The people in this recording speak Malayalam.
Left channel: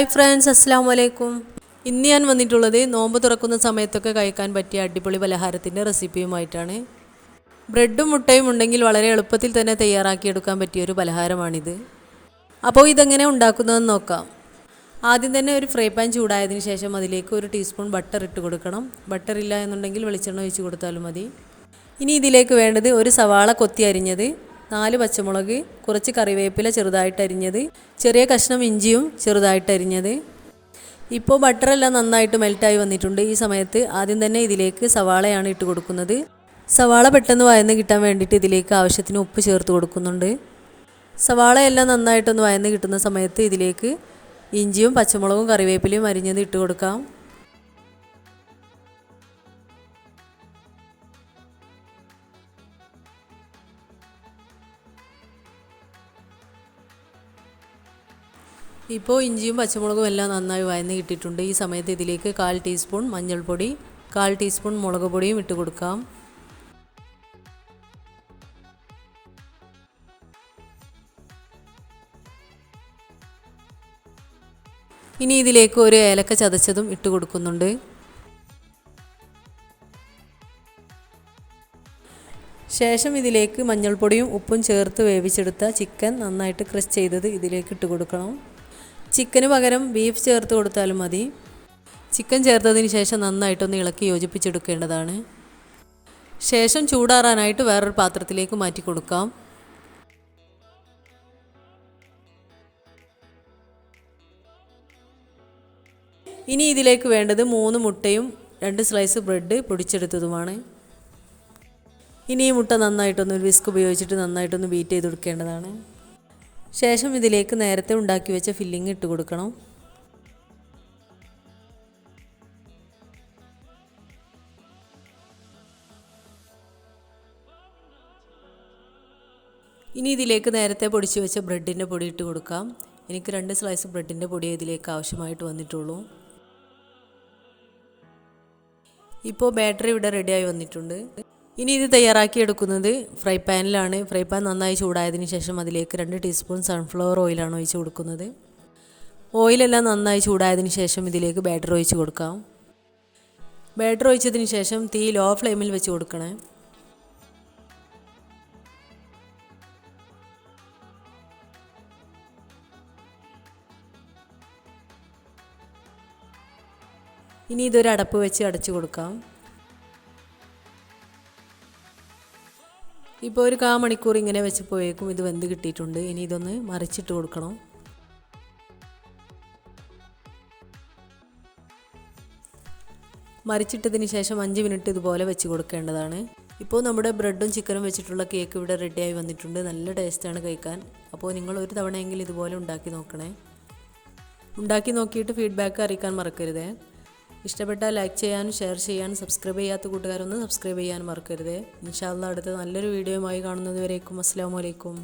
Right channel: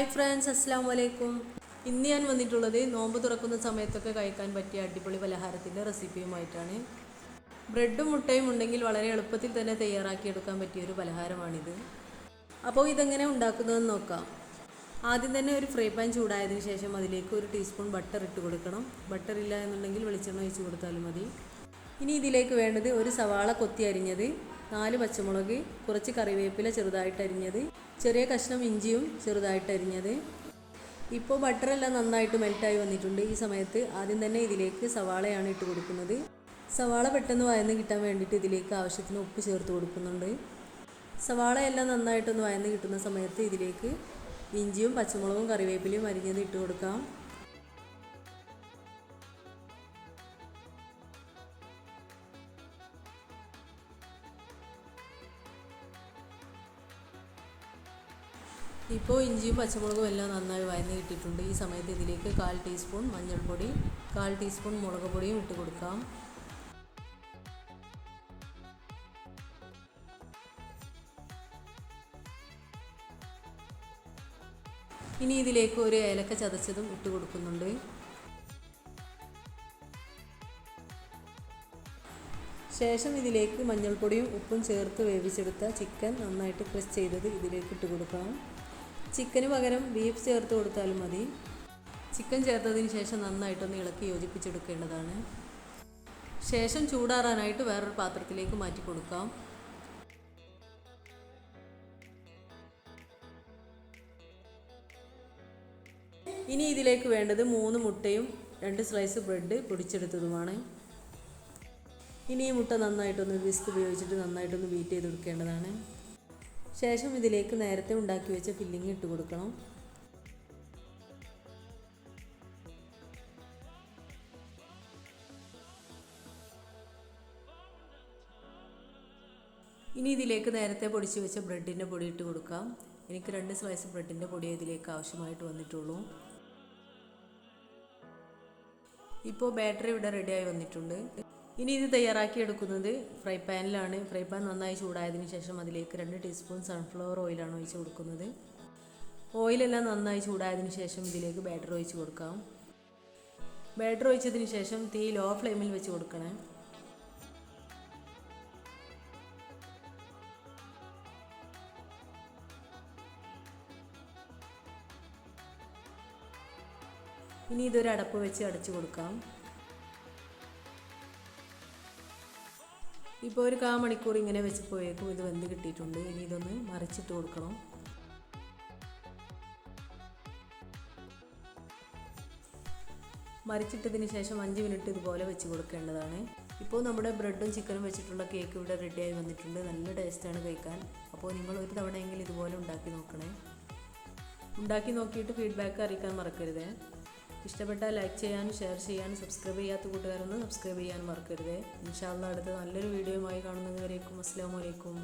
ഹായ് ഫ്രണ്ട്സ്, അസ്സലാമു അലൈക്കും. ഇന്ന് ഞാൻ വന്നിട്ടുള്ളത് നോമ്പ് തുറക്കുന്ന സമയത്തൊക്കെ കഴിക്കാൻ പറ്റിയ അടിപൊളി പലഹാരത്തിൻ്റെ റെസിപ്പിയുമായിട്ടാണ്. ബ്രെഡും മുട്ടയും ഉണ്ടെങ്കിൽ വളരെ എളുപ്പത്തിൽ തന്നെ തയ്യാറാക്കിയെടുക്കാൻ പറ്റിയൊരു പലഹാരമാണിത്. അപ്പോൾ ഇതെങ്ങനെ ഉണ്ടാക്കുന്നതെന്ന് നോക്കാം. ആദ്യം തന്നെ ഒരു ഫ്രൈ പാൻ ചൂടായതിനു ശേഷം അതിലേക്ക് 1 ടീസ്പൂൺ ബട്ടർ ഇട്ട് കൊടുക്കണം. ബട്ടർ ഇല്ല എന്നുണ്ടെങ്കിൽ വെളിച്ചെണ്ണ ഒഴിച്ച് കൊടുത്താലും മതി. ഇനി ഇതിലേക്ക് വേണ്ടത് ഒരു സവാള കൊത്തി അരിഞ്ഞത്, 4 പച്ചമുളക്, കുറച്ച് കറിവേപ്പില ചെറുതായിട്ട് അരിഞ്ഞത്, ചെറിയ കഷ്ണം ഇഞ്ചിയും ചെറുതായിട്ട് അരിഞ്ഞത്. ഇപ്പോൾ ബട്ടറെല്ലാം നന്നായിട്ട് മെൽറ്റായി വന്നിട്ടുണ്ട്. ഈ സമയത്ത് ആദ്യം തന്നെ ഇതിലേക്ക് സവാളയാണ് ഇട്ട് കൊടുക്കുന്നത്. സവാള പെട്ടെന്ന് വഴന്ന് കിട്ടാൻ വേണ്ടിയിട്ട് ഇതിലേക്ക് ആവശ്യത്തിന് ഉപ്പ് ചേർത്ത് കൊടുക്കുന്നുണ്ട്. സവാളയെല്ലാം നന്നായിട്ടൊന്ന് വഴന്ന് കിട്ടുന്ന സമയത്ത് ഇതിലേക്ക് ഇഞ്ചിയും പച്ചമുളകും കറിവേപ്പിലയും അരിഞ്ഞത് ഇട്ട് കൊടുക്കാം. ഇപ്പോൾ ഇഞ്ചിയും പച്ചമുളകും എല്ലാം നന്നായി വഴന്ന് കിട്ടിയിട്ടുണ്ട്. ഈ സമയത്ത് ഇതിലേക്ക് 1/4 ടീസ്പൂൺ മഞ്ഞൾപ്പൊടി, 1/4 ടീസ്പൂൺ മുളക് പൊടിയും ഇട്ട് കൊടുക്കാം. ഇനി ഇതിലേക്ക് ഒരു ഏലക്ക ചതച്ചതും ഇട്ട് കൊടുക്കുന്നുണ്ട്. ശേഷം ഇതിലേക്ക് മഞ്ഞൾപ്പൊടിയും ഉപ്പും ചേർത്ത് വേവിച്ചെടുത്ത ചിക്കൻ നന്നായിട്ട് ക്രഷ് ചെയ്തത് ഇതിലേക്ക് ഇട്ട് കൊടുക്കണം. ചിക്കന് പകരം ബീഫ് ചേർത്ത് കൊടുത്താലും മതി. ചിക്കൻ ചേർത്തതിന് ശേഷം നന്നായിട്ടൊന്ന് ഇളക്കി യോജിപ്പിച്ചെടുക്കേണ്ടതാണ്. ശേഷം ചൂടാറാനായിട്ട് വേറൊരു പാത്രത്തിലേക്ക് മാറ്റി കൊടുക്കാം. ഇനി ഇതിലേക്ക് വേണ്ടത് 3 മുട്ടയും 2 സ്ലൈസ് ബ്രെഡ് പൊടിച്ചെടുത്തതുമാണ്. ഇനി ഈ മുട്ട നന്നായിട്ടൊന്ന് വിസ്ക് ഉപയോഗിച്ചിട്ട് നന്നായിട്ടൊന്ന് ബീറ്റ് ചെയ്ത് കൊടുക്കേണ്ടതാണ്. ശേഷം ഇതിലേക്ക് നേരത്തെ ഉണ്ടാക്കി വെച്ച ഫില്ലിംഗ് ഇട്ട് കൊടുക്കണം. ഇനി ഇതിലേക്ക് നേരത്തെ പൊടിച്ച് വെച്ച ബ്രെഡിൻ്റെ പൊടി ഇട്ട് കൊടുക്കാം. എനിക്ക് 2 സ്ലൈസ് ബ്രെഡിൻ്റെ പൊടി ഇതിലേക്ക് ആവശ്യമായിട്ട് വന്നിട്ടുള്ളൂ. ഇപ്പോൾ ബാറ്ററി ഇവിടെ റെഡിയായി വന്നിട്ടുണ്ട്. ഇനി ഇത് തയ്യാറാക്കിയെടുക്കുന്നത് ഫ്രൈ പാനിലാണ്. ഫ്രൈ പാൻ നന്നായി ചൂടായതിനു ശേഷം അതിലേക്ക് 2 ടീസ്പൂൺ സൺഫ്ലവർ ഓയിലാണ് ഒഴിച്ച് കൊടുക്കുന്നത്. ഓയിലെല്ലാം നന്നായി ചൂടായതിനു ശേഷം ഇതിലേക്ക് ബാറ്റർ ഒഴിച്ച് കൊടുക്കാം. ബാറ്റർ ഒഴിച്ചതിന് ശേഷം തീ ലോ ഫ്ലെയിമിൽ വെച്ച് കൊടുക്കണേ. ഇനി ഇതൊരു അടപ്പ് വെച്ച് അടച്ചു കൊടുക്കാം. ഇപ്പോൾ ഒരു 1/4 മണിക്കൂർ ഇങ്ങനെ വെച്ച് പോയേക്കും ഇത് വെന്ത് കിട്ടിയിട്ടുണ്ട്. ഇനി ഇതൊന്ന് മറിച്ചിട്ട് കൊടുക്കണം. മറിച്ചിട്ടതിന് ശേഷം 5 മിനിറ്റ് ഇതുപോലെ വെച്ച് കൊടുക്കേണ്ടതാണ്. ഇപ്പോൾ നമ്മുടെ ബ്രെഡും ചിക്കനും വെച്ചിട്ടുള്ള കേക്ക് ഇവിടെ റെഡിയായി വന്നിട്ടുണ്ട്. നല്ല ടേസ്റ്റാണ് കഴിക്കാൻ. അപ്പോൾ നിങ്ങൾ ഒരു തവണയെങ്കിലും ഇതുപോലെ ഉണ്ടാക്കി നോക്കണേ. ഉണ്ടാക്കി നോക്കിയിട്ട് ഫീഡ്ബാക്ക് അറിയിക്കാൻ മറക്കരുതേ. ഇഷ്ടപ്പെട്ടാൽ ലൈക്ക് ചെയ്യാനും ഷെയർ ചെയ്യാനും സബ്സ്ക്രൈബ് ചെയ്യാത്ത കൂട്ടുകാരൊന്ന് സബ്സ്ക്രൈബ് ചെയ്യാനും മറക്കരുത്. ഇൻഷാ അല്ലാഹ് അടുത്ത നല്ലൊരു വീഡിയോയുമായി കാണുന്നത് വരേക്കും അസ്സലാമു അലൈക്കും.